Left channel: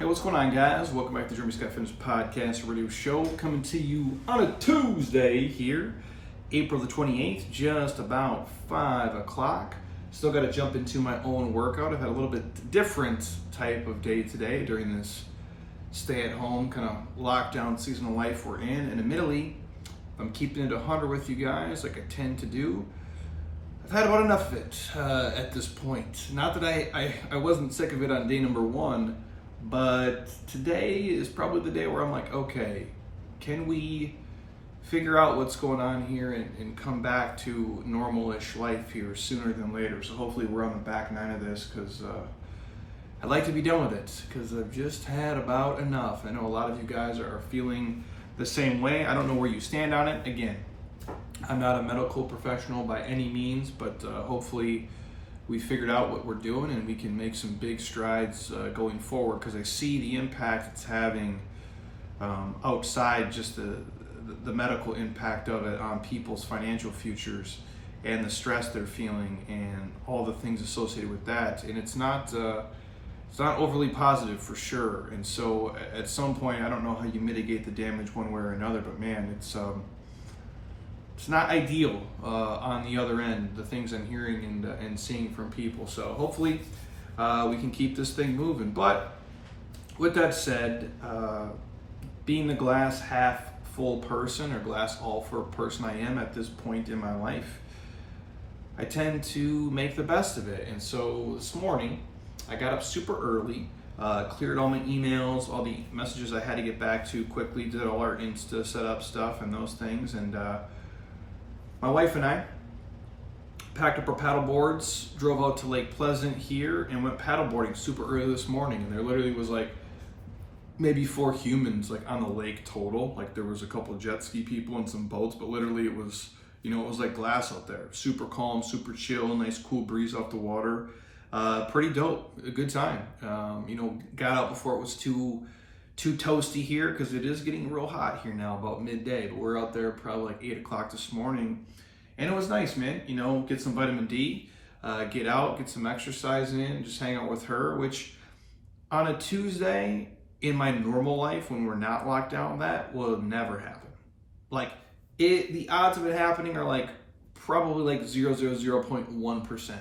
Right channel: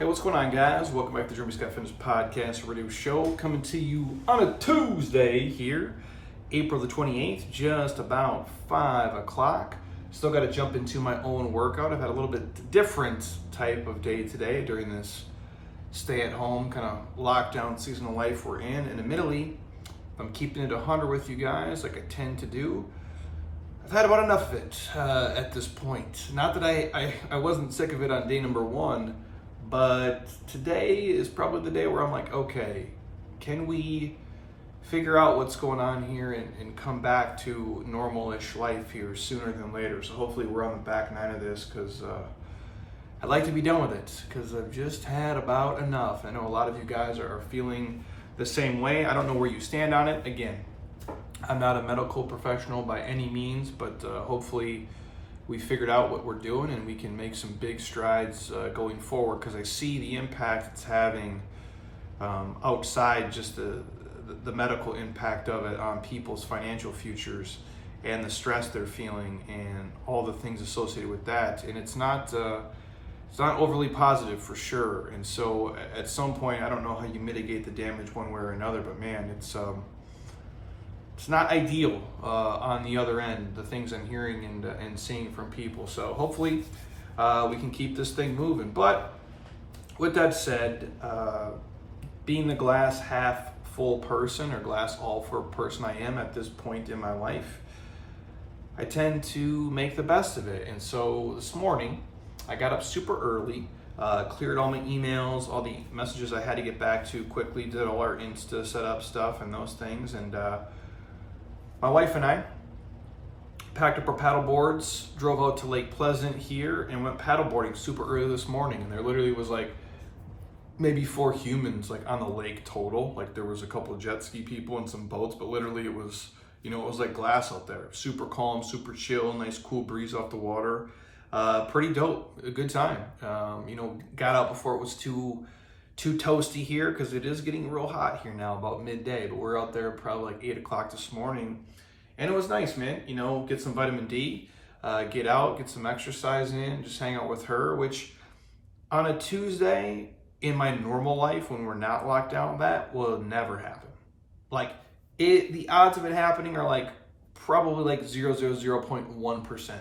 Hey, what's going on, guys? Welcome back to the Jeremy Scott Fitness Podcast Radio Show, coming to you on a Tuesday here, April the 28th, just about 5 o'clock. Still got to jump into my own workout. I've had a little bit different type of day today during this stay-at-home kind of lockdown season of life we're in. And admittedly, if I'm keeping it 100 with you guys, like I tend to do, I've had about enough of it at this point. Not that I wasn't sick of it on day number one, but today is probably the day where I'm like, okay, can we figure out what's going on here and come back to normal-ish life here sooner than later? So hopefully we're on the back nine of this, because I'd like to be done with it, because I've just had about enough. I know a lot of you guys are feeling the same way. I don't know where you stand on it. Again, I'm not a medical professional by any means, but hopefully we figured out what we're doing and we can make some big strides going forward, because I see the impact it's having outside just the medical impact of it on people's financial futures and the stress they're feeling and all the things associated with that. And it's not overly positive for sure. And so at some point, I don't know how you mitigate the damage one way or another, but man, it's not ideal on the other end, the things I'm hearing and seeing from people. So hopefully we can keep this thing moving. But with that said, being the glass half full person, or glass all full person I am at this point in my life, I tend to make the best of it. And so this morning, I got up super early, cleared all my emails, all the messages I had to get back to quickly, did all our Insta setup stuff and those things, and my wife and I packed up our paddle boards, drove out to Lake Pleasant here, and went paddleboarding super early this morning. And there literally was like maybe 4 humans like on the lake total. Like there was a couple of jet ski people and some boats, but literally it was, it was like glass out there. Super calm, super chill, nice cool breeze off the water. Pretty dope, a good time. Got out before it was too toasty here, because it is getting real hot here now about midday, but we're out there probably like 8 o'clock this morning, and it was nice, man. Get some vitamin D, get out, get some exercise in, just hang out with her, which on a Tuesday in my normal life when we're not locked down, that will never happen. Like the odds of it happening are like probably like 0.1%,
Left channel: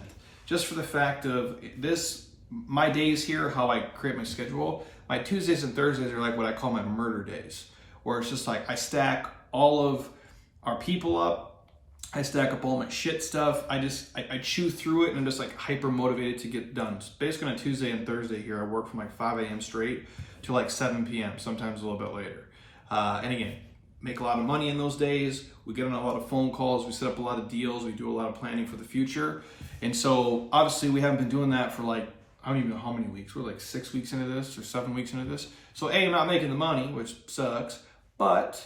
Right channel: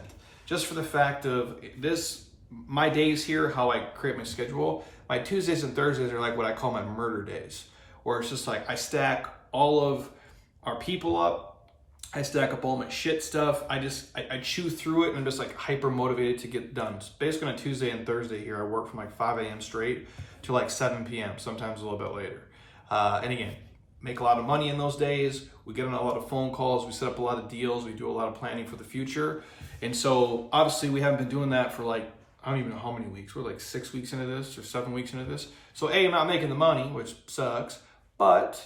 just for the fact of this, my days here, how I create my schedule. My Tuesdays and Thursdays are like what I call my murder days, where it's just like I stack all of our people up, I stack up all my shit stuff, I chew through it, and I'm just like hyper motivated to get done. So basically on a Tuesday and Thursday here, I work from like 5 a.m. straight to like 7 p.m., sometimes a little bit later. And again, make a lot of money in those days. We get on a lot of phone calls, we set up a lot of deals, we do a lot of planning for the future. And so obviously we haven't been doing that for like, I don't even know how many weeks. We're like 6 weeks into this or 7 weeks into this. So I'm not making the money, which sucks, but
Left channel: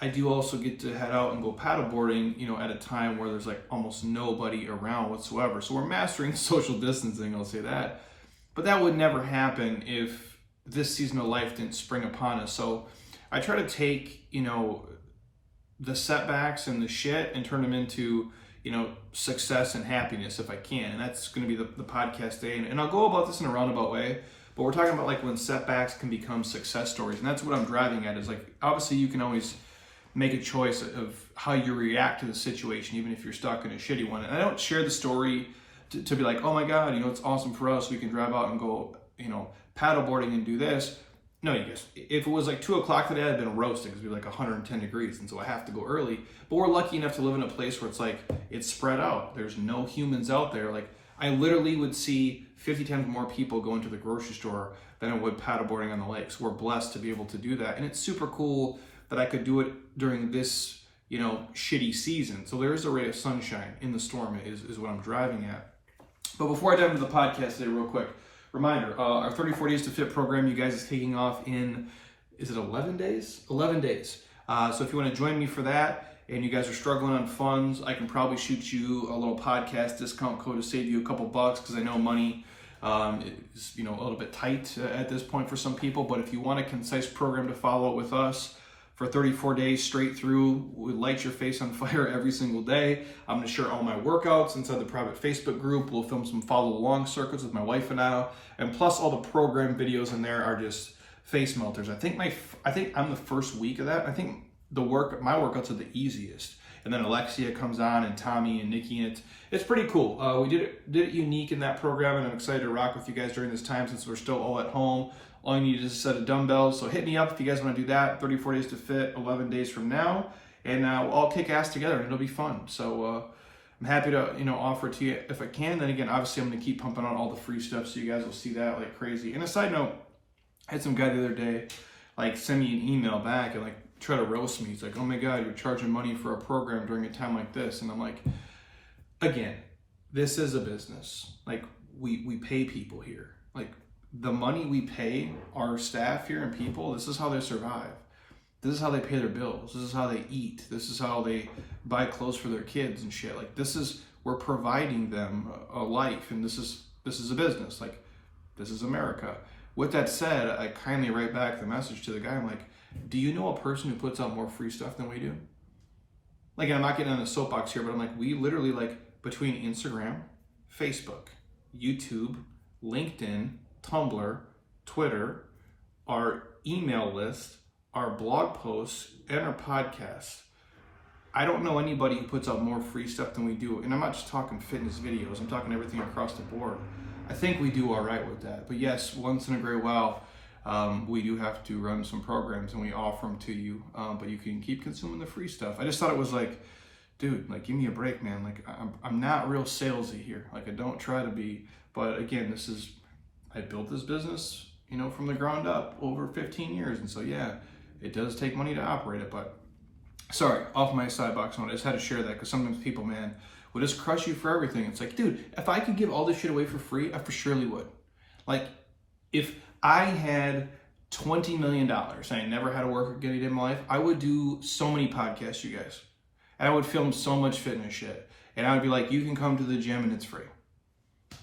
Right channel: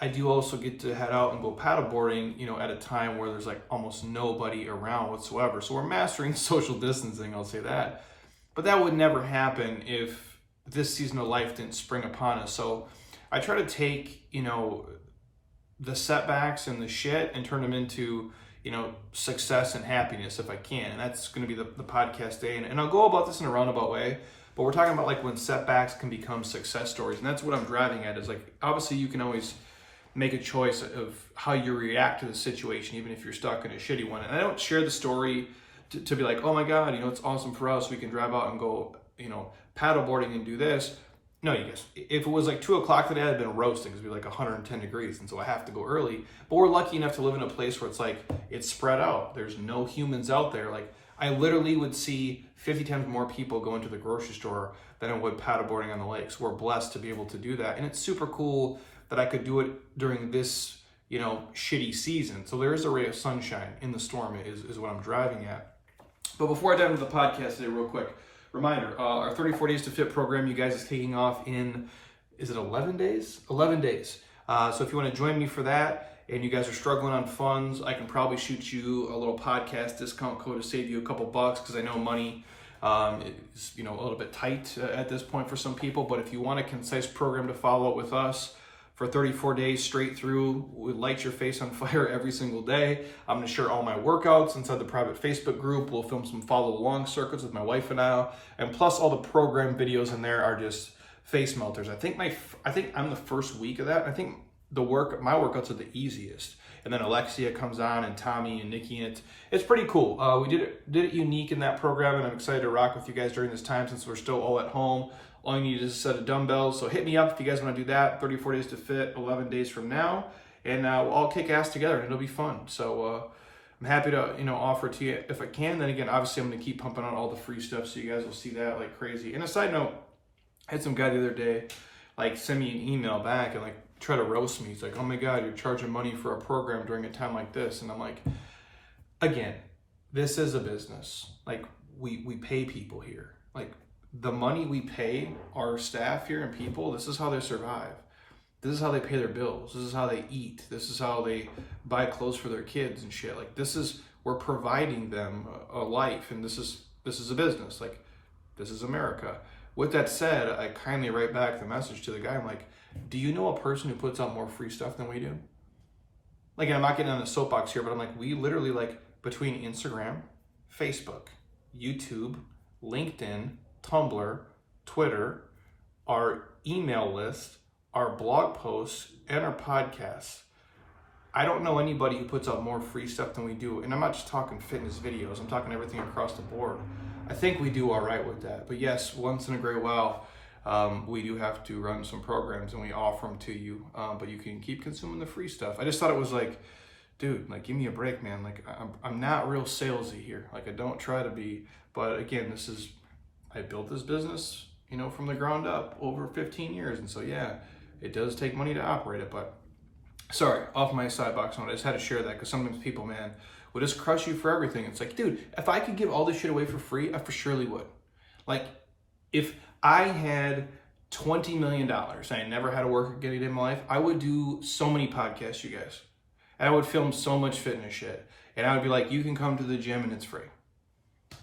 I do also get to head out and go paddleboarding, at a time where there's like almost nobody around whatsoever. So we're mastering social distancing, I'll say that. But that would never happen if this season of life didn't spring upon us. So I try to take, the setbacks and the shit and turn them into success and happiness if I can. And that's going to be the podcast day. And I'll go about this in a roundabout way, but we're talking about like when setbacks can become success stories. And that's what I'm driving at, is like, obviously you can always make a choice of how you react to the situation, even if you're stuck in a shitty one. And I don't share the story to be like, oh my God, it's awesome for us. We can drive out and go, paddleboarding and do this. No, you guys, if it was like 2 o'clock today, I'd been roasting, because it'd be like 110 degrees. And so I have to go early, but we're lucky enough to live in a place where it's like, it's spread out. There's no humans out there. Like I literally would see 50 times more people going to the grocery store than I would paddleboarding on the lake. So we're blessed to be able to do that. And it's super cool that I could do it during this, shitty season. So there is a ray of sunshine in the storm is what I'm driving at. But before I dive into the podcast today, real quick, reminder, our 34 Days to Fit program, you guys, is kicking off in, is it 11 days? 11 days. So if you want to join me for that, and you guys are struggling on funds, I can probably shoot you a little podcast discount code to save you a couple bucks, because I know money is a little bit tight at this point for some people. But if you want a concise program to follow with us for 34 days straight through. We light your face on fire every single day. I'm gonna share all my workouts inside the private Facebook group. We'll film some follow along circuits with my wife and I, and plus all the program videos in there are just face melters. I think I'm the first week of that. I think my workouts are the easiest. And then Alexia comes on and Tommy and Nikki, and it's pretty cool. We did it unique in that program, and I'm excited to rock with you guys during this time since we're still all at home. All you need is a set of dumbbells. So hit me up if you guys want to do that. 34 days to fit, 11 days from now, and we'll all kick ass together, and it'll be fun. So I'm happy to offer it to you if I can. Then again, obviously I'm going to keep pumping out all the free stuff, so you guys will see that like crazy. And a side note, I had some guy the other day like send me an email back and like try to roast me. He's like, "Oh my God, you're charging money for a program during a time like this." And I'm like, again, this is a business. Like we pay people here. Like the money we pay our staff here and people, this is how they survive. This is how they pay their bills. This is how they eat. This is how they buy clothes for their kids and shit. Like we're providing them a life, and this is a business. Like this is America. With that said, I kindly write back the message to the guy. I'm like, do you know a person who puts out more free stuff than we do? Like, I'm not getting on the soapbox here, but I'm like, we literally, like, between Instagram, Facebook, YouTube, LinkedIn, Tumblr, Twitter, our email list, our blog posts, and our podcasts, I don't know anybody who puts out more free stuff than we do. And I'm not just talking fitness videos. I'm talking everything across the board. I think we do all right with that. But yes, once in a great while, we do have to run some programs and we offer them to you. But you can keep consuming the free stuff. I just thought it was like, dude, like, give me a break, man. Like, I'm not real salesy here. Like, I don't try to be. But again, I built this business, from the ground up over 15 years. And so, yeah, it does take money to operate it. But sorry, off my sidebox note, I just had to share that because sometimes people, man, will just crush you for everything. It's like, dude, if I could give all this shit away for free, I for surely would. Like, if I had $20 million and I never had to work again in my life, I would do so many podcasts, you guys. And I would film so much fitness shit. And I would be like, you can come to the gym and it's free.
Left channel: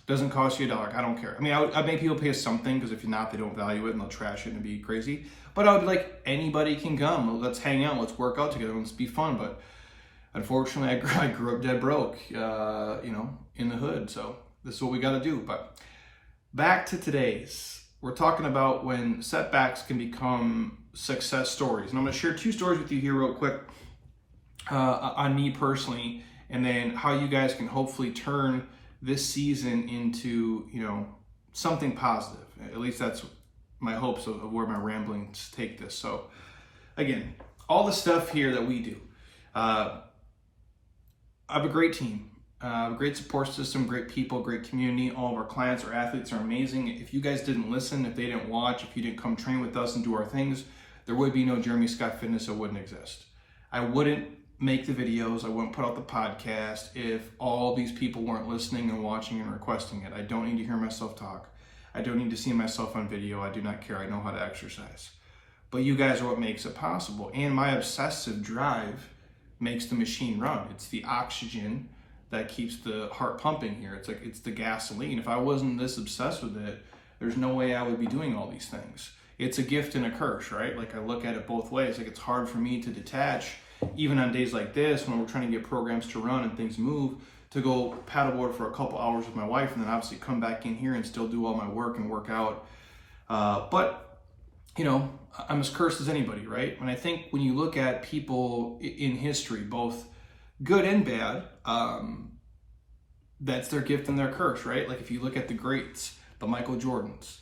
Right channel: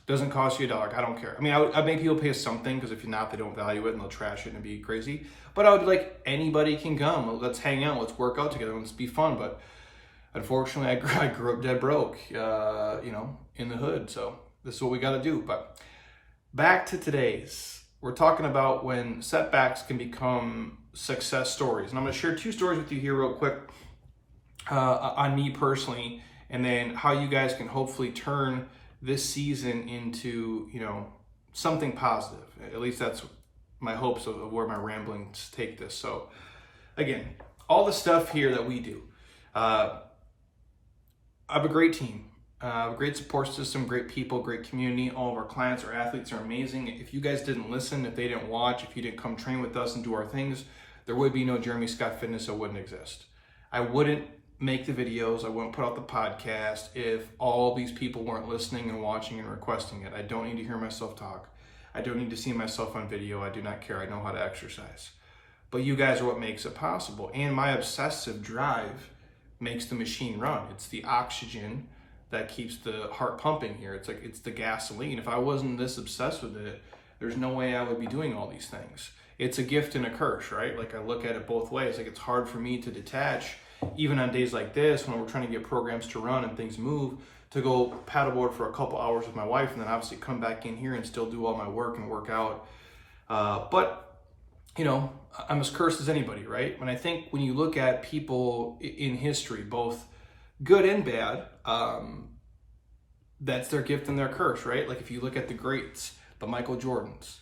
Doesn't cost you $1. I don't care. I mean, I'd make people pay us something because if you're not, they don't value it and they'll trash it and be crazy. But I would be like, anybody can come. Let's hang out. Let's work out together. Let's be fun. But unfortunately, I grew up dead broke, in the hood. So this is what we got to do. But back to today's. We're talking about when setbacks can become success stories. And I'm going to share 2 stories with you here real quick on me personally, and then how you guys can hopefully turn this season into, something positive. At least that's my hopes of where my ramblings take this. So again, all the stuff here that we do, I have a great team. A great support system, great people, great community. All of our clients, our athletes are amazing. If you guys didn't listen, if they didn't watch, if you didn't come train with us and do our things, there would be no Jeremy Scott Fitness. It wouldn't exist. I wouldn't make the videos. I wouldn't put out the podcast if all these people weren't listening and watching and requesting it. I don't need to hear myself talk. I don't need to see myself on video. I do not care. I know how to exercise. But you guys are what makes it possible. And my obsessive drive makes the machine run. It's the oxygen that keeps the heart pumping here. It's like, it's the gasoline. If I wasn't this obsessed with it, there's no way I would be doing all these things. It's a gift and a curse, right? Like, I look at it both ways. Like, it's hard for me to detach, even on days like this when we're trying to get programs to run and things move, to go paddleboard for a couple hours with my wife and then obviously come back in here and still do all my work and work out. But I'm as cursed as anybody, right? And I think when you look at people in history, both good and bad, that's their gift and their curse, right? Like, if you look at the greats, the Michael Jordans,